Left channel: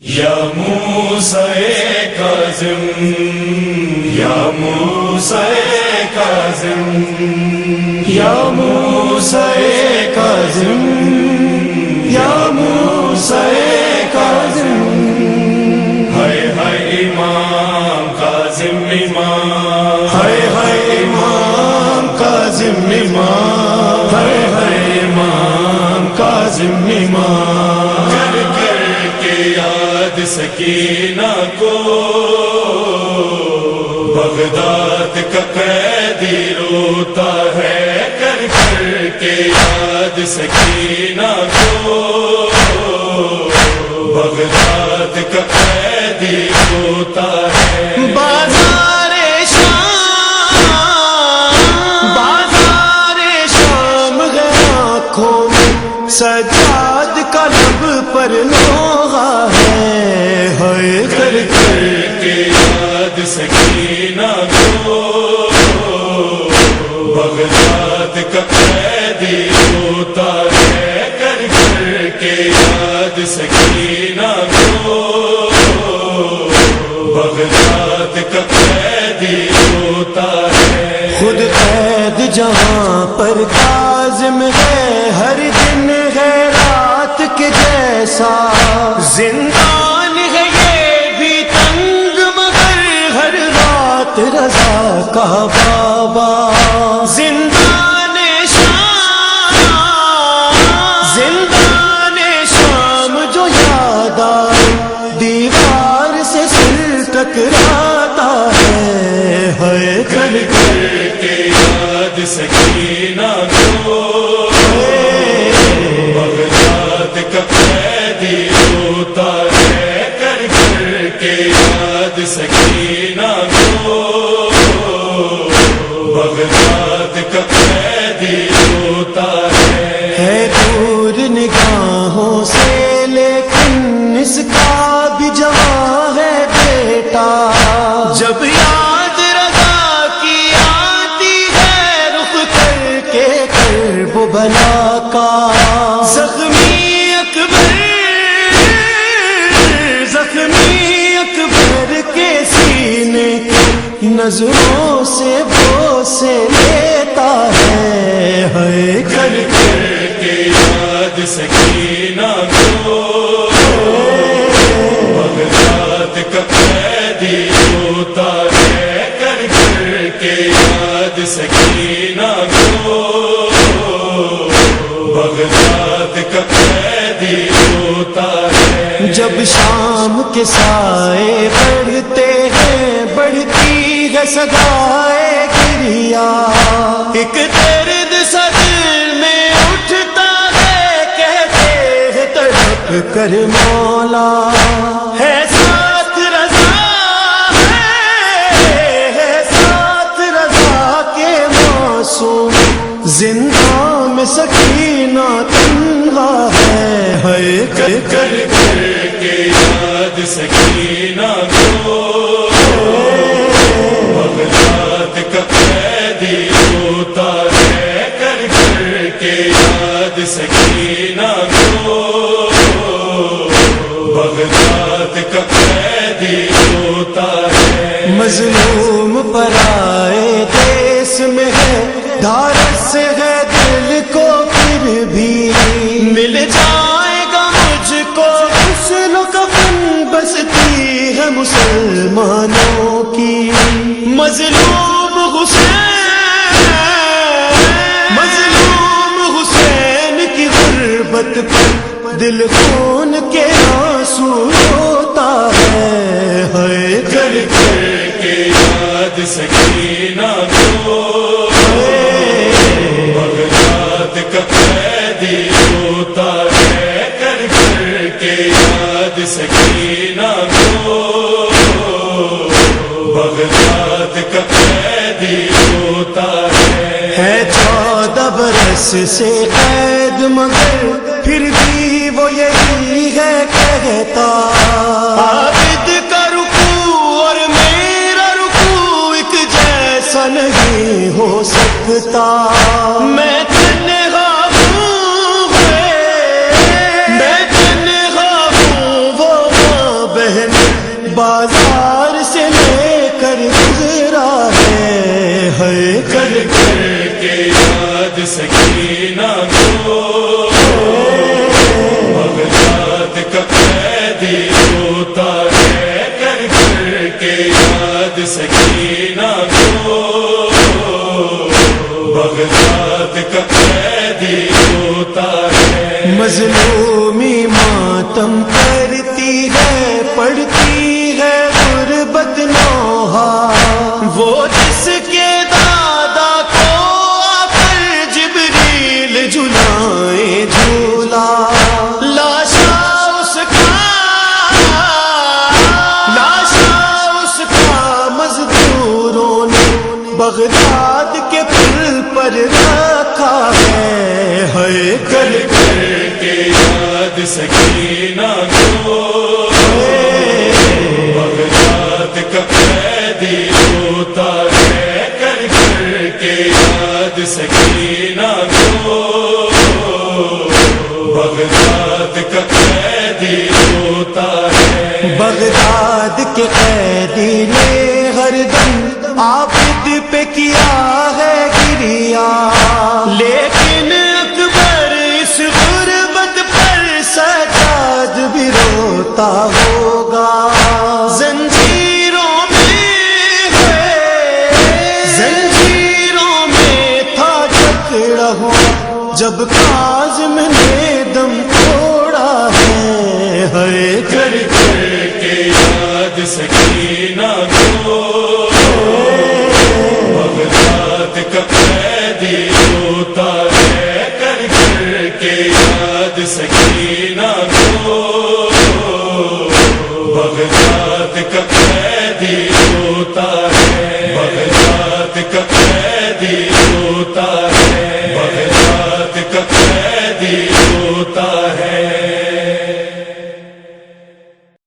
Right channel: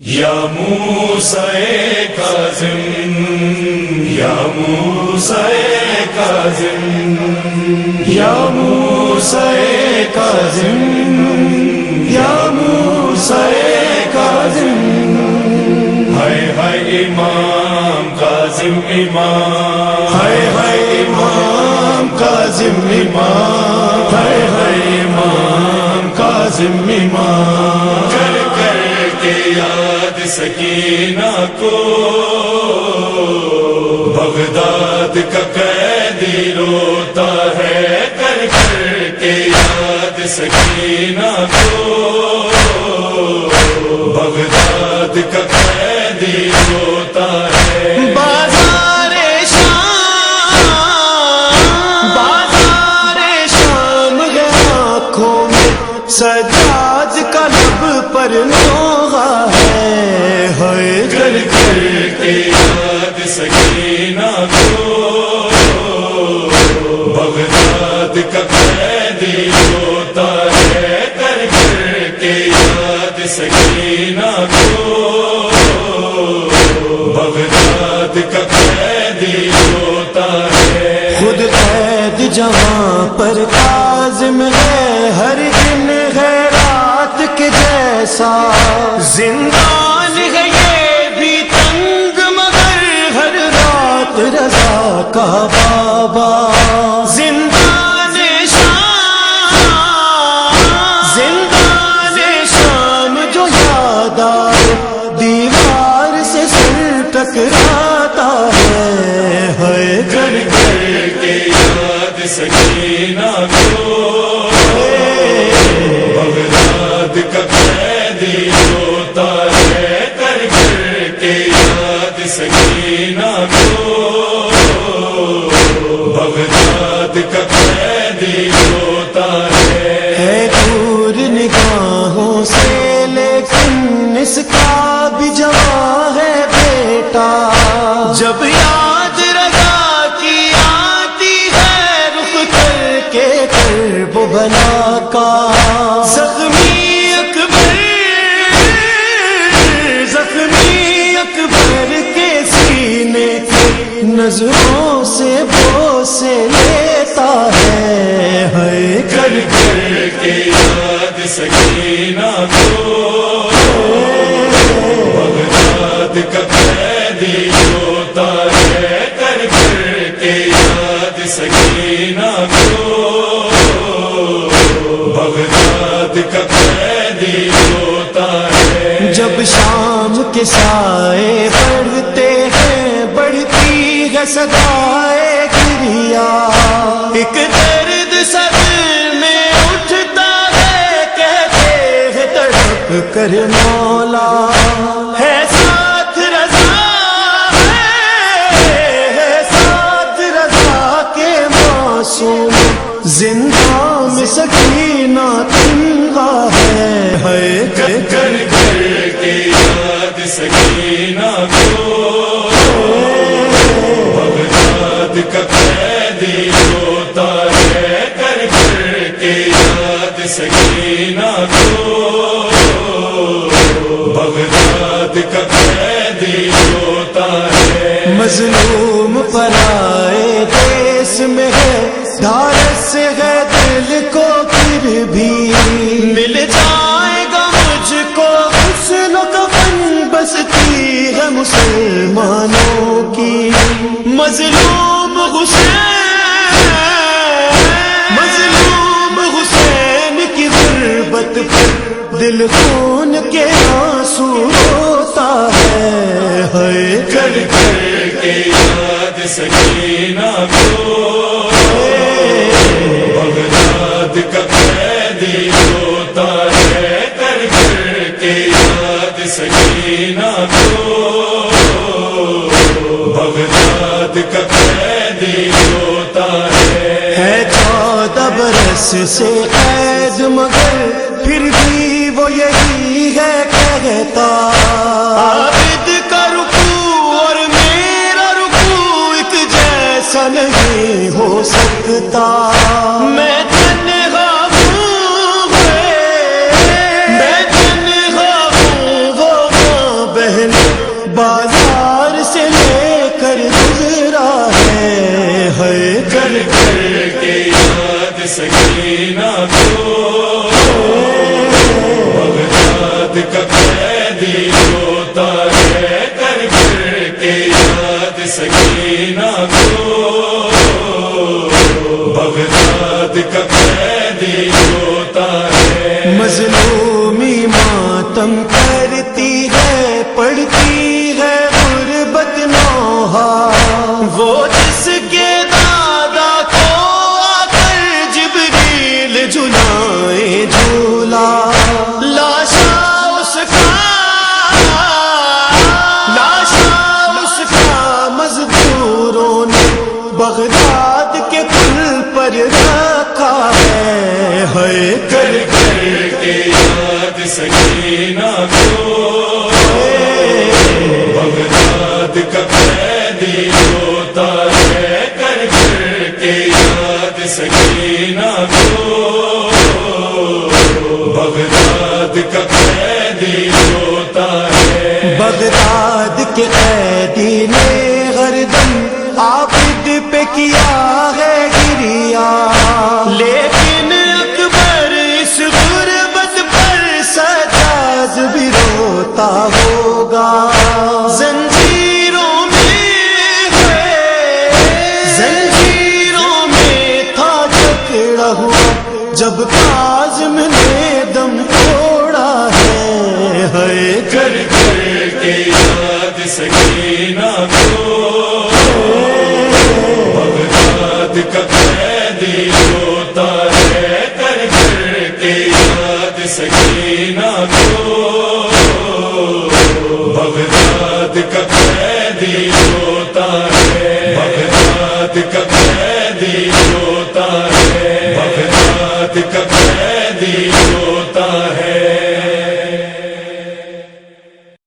یا موسیٰ کاظم، یا موسیٰ کاظم، یا موسیٰ کاظم، یا موسیٰ کاظم، ہائے ہائے امام کاظم امام، ہائے ہائے امام کاظم امام، ہائے ہائے امام کاظم امام، کر کر کے یاد سکینہ کو بغداد کا قیدی روتا ہے، کر کر کے یاد سکینہ کو بغداد کا قیدی روتا ہے۔ بازار شام ہے آنکھوں میں سجاد کا لب پر نوحہ ہے، ہائے کر کر کے یاد سکینہ کو بغداد کا قیدی روتا ہے، کر کر کے یاد سکینہ کو بغداد کا قیدی روتا ہے۔ خود قید جہاں پر کاظم ہے، ہر دن ہے رات کے جیسا، زندان ہے یہ بھی تنگ مگر ہر رات رضا کا بابا، زندان شام جو یاد آئے دیوار سے سر ٹکراتا ہے، ہائے کر کر کے یاد سکینہ کو بغداد کا قیدی روتا ہے، کر کر کے یاد سکینہ کو بغداد کا قیدی روتا ہے۔ دور نگاہوں سے لیکن اس کا بھی جوان ہے بیٹا، جب یاد رضا کی آتی ہے رخ کر کے کرب و بلا کا، زخمی اکبر کے سینے کے نظروں سے بوسے لیتا ہے، ہائے کر کر کے یاد سکینہ کو بغداد کا قیدی روتا ہے، کر کر کے یاد سکینہ کو بغداد کا قیدی روتا ہے۔ جب شام کے سائے پڑھتے ہیں بڑھتی ہے صدائے گریا، ایک درد صدر میں اٹھتا ہے، کہتے ہیں تڑپ کر مولا ہے ساتھ رضا، ہے ساتھ رضا کے معصوم، زندہ میں سکینہ تنہا ہے، ہائے کر کر کے یاد سکینہ کو بغداد کا قیدی روتا ہے، کر کر کے یاد سکینہ کو بغداد کا قیدی روتا ہے۔ مظلوم پرائے دیس میں ہے، دھارس ہے دل کو پھر بھی مل جائے گا مجھ کو غسل و کفن، بستی ہے مسلمانوں کی مظلوم حسین کی غربت پر دل خون کے آنسو روتا ہے، ہائے کر کر کے یاد سکینہ کو بغداد کا قیدی روتا ہے، کر کر کے یاد سکینہ کو بغداد کا قیدی روتا ہے 14 برس سے قید مگر پھر بھی وہ یہی ہے کہتا، عابد کا رکوع اور میرا رکوع ایک جیسا نہیں ہو سکتا، میں تنہا ہوں، میں تنہا ہوں، وہ سکینہ کو بغداد کا قیدی روتا ہے کربلا کے یاد سکینہ کو بغداد کا قیدی روتا ہے مظلومی ماتم کرتی ہے پڑتی ہے غربت نوحہ وہ جس کے دادا کو آ کر جبریل جھلائے جھولا لاشا اس کا مزدوروں نے بغداد کے پل پر رکھا ہے کر کر کے یاد سکینہ کو بغداد کا قیدی روتا ہے کر کر کے یاد سکینہ کو بغداد کا قیدی روتا ہے بغداد کے قیدی نے ہر دم عابد پہ کیا ہے گریا لیکن اکبر اس غربت پر سجاد بھی روتا ہوگا زنجیروں میں تھا جکڑا ہوا جب کاظم نے دم توڑا ہے کر کر کے یاد سکینہ کو بغداد کا قیدی روتا ہے کر کر کے یاد سکینہ کو بغداد کا قیدی روتا ہے بغداد کا قیدی روتا ہے بغداد کا قیدی روتا